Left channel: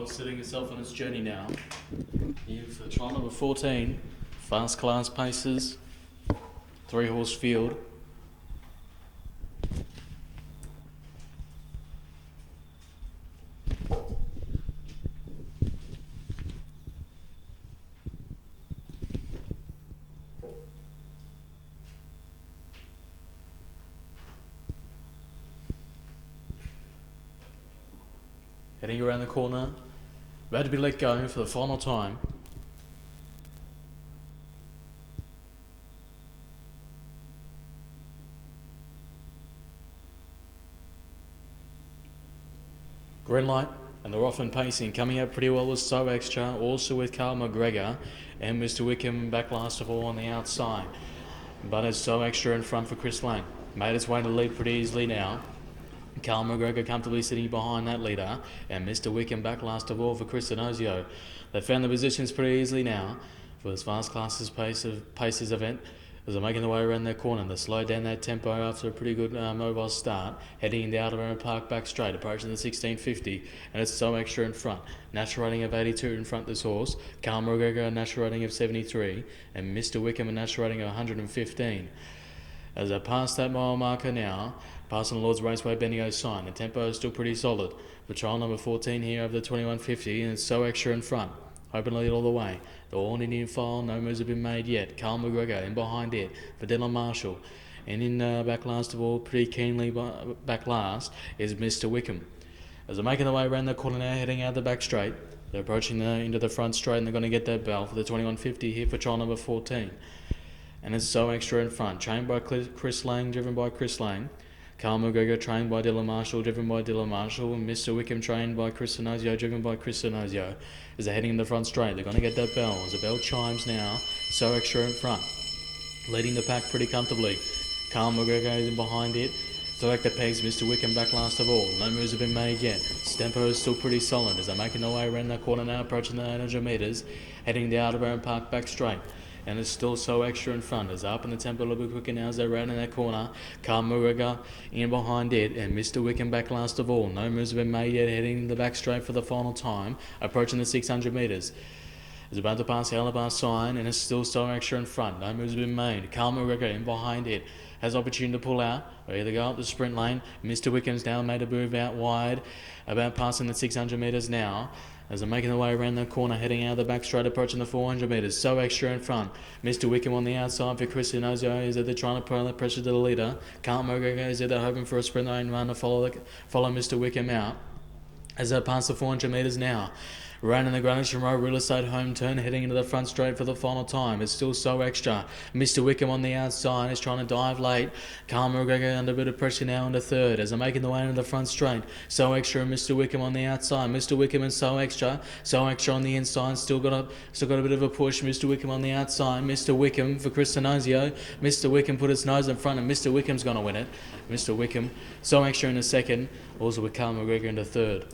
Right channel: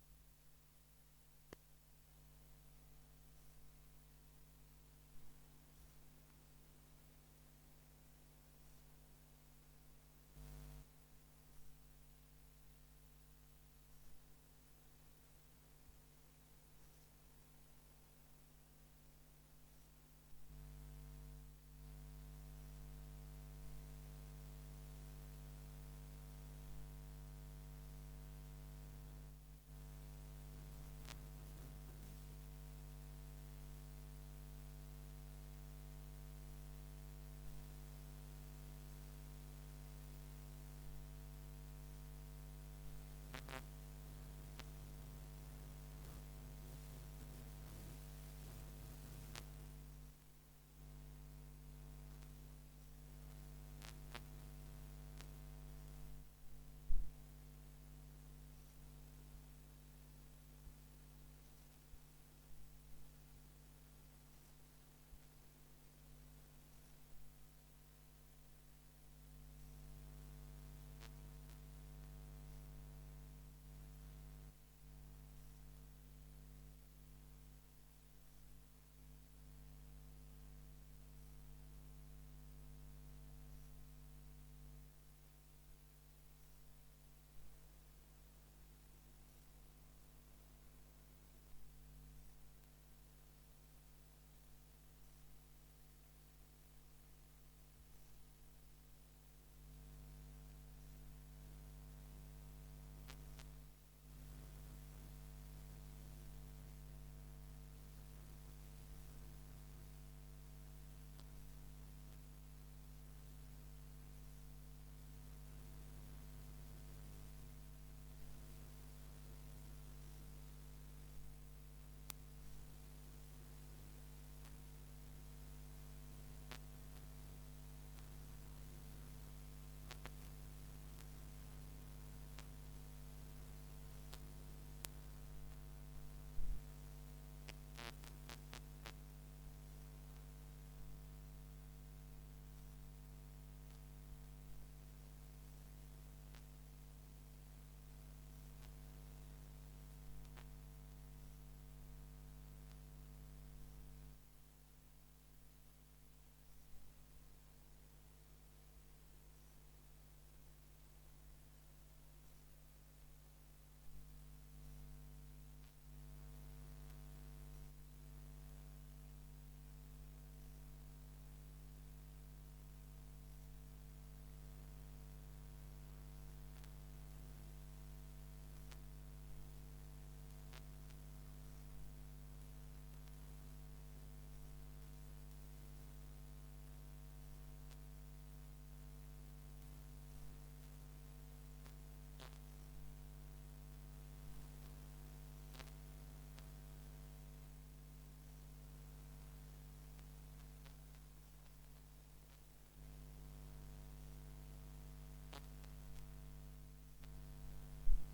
Well, setting itself on its journey now. Here for trial number 14, fast class paces, 3-horse field. Heading around the corner, about to be let go for the final time. Green light, and they're off and pacing. Coming out pretty well with So Extra, also with Carl McGregor, and Mr. Wickham back last of all on the outside. But it's So Extra in front for Chris Lang. Made its way to lead pretty easily now. Carl McGregor comfortably sitting behind that leader, and Mr. Wickham back last of all for Chris Inozio. They found the positions pretty easily now for this fast classes paces event as they're making their way around their corner. They slowed down that tempo after a pretty good mobile start, heading in the Outer Round Park back straight, approaching the 1650, and it's So Extra in front. Natural rating of 82 in front this horse. Carl McGregor a natural rating of 73, and Mr. Wickham a natural rating of 115. As they pass that mile marker now, passing the Lord's Raceway Bendigo sign, the tempo is still pretty solid. For trial number 14 here of the 2150, and it's So Extra in front. Open lead all the way. The all Indian file, no moves have been made yet. Carl McGregor in behind it for Dylan Marshall. And in back last of all, pretty keenly back last, is Mr. Wickham. As they're making their way around the corner now, heading out the back straight, they're approaching into the front straight, and they're going to get that bell for the 2150 here for trial number 14. And it's So Extra in front, trained by Chris Lang, driven by Chris Lang. Carl McGregor trained by Dylan Marshall, driven by Dylan Marshall, and Mr. Wickham trained by Chris Inozio, driven by Chris Inozio. As they're heading in the front straight, they're going to get that bell. As the bell chimes now, So Extra in front, leading the pack pretty comfortably. Carl McGregor is in behind it. Select the pegs, Mr. Wickham back last of all. No moves have been made yet. Tempo is still pretty solid as they're making their way around that corner now, approaching the 800 metres, heading the Outer Round Park back straight. And it's still So Extra in front. As up in the tempo a little bit quicker now as they're rounding that corner. Carl McGregor in behind it, and Mr. Wickham back last of all. No moves have been made yet, heading the back straight for the final time, approaching the 600 metres. Is about to pass the Alabar sign, and it's still So Extra in front. No moves have been made. Carl McGregor in behind it. Has opportunity to pull out, or either go up the sprint lane. Mr. Wickham's now made a move out wide, about passing the 600 metres now. As they're making their way around the corner, heading out the back straight, approaching the 400 metres. So Extra in front. Mr. Wickham on the outside for Chris Inozio. Is they're trying to put that pressure to the leader. Carl McGregor is they're hoping for a sprint lane run to follow Mr. Wickham out. As they pass the 400 metres now. Rounding the Greenwich Road Real Estate home turn, heading into the front straight for the final time. It's still So Extra. Mr. Wickham on the outside is trying to dive late. Carl McGregor under a bit of pressure now into third as they're making the way into the front straight. So Extra and Mr. Wickham on the outside. Mr. Wickham and So Extra. So Extra on the inside, still got a bit of a push. Mr. Wickham on the outside. Mr. Wickham for Chris Inozio. Mr. Wickham put his nose in front, and Mr. Wickham's going to win it. Mr. Wickham. So Extra in the second, also with Carl McGregor in the third.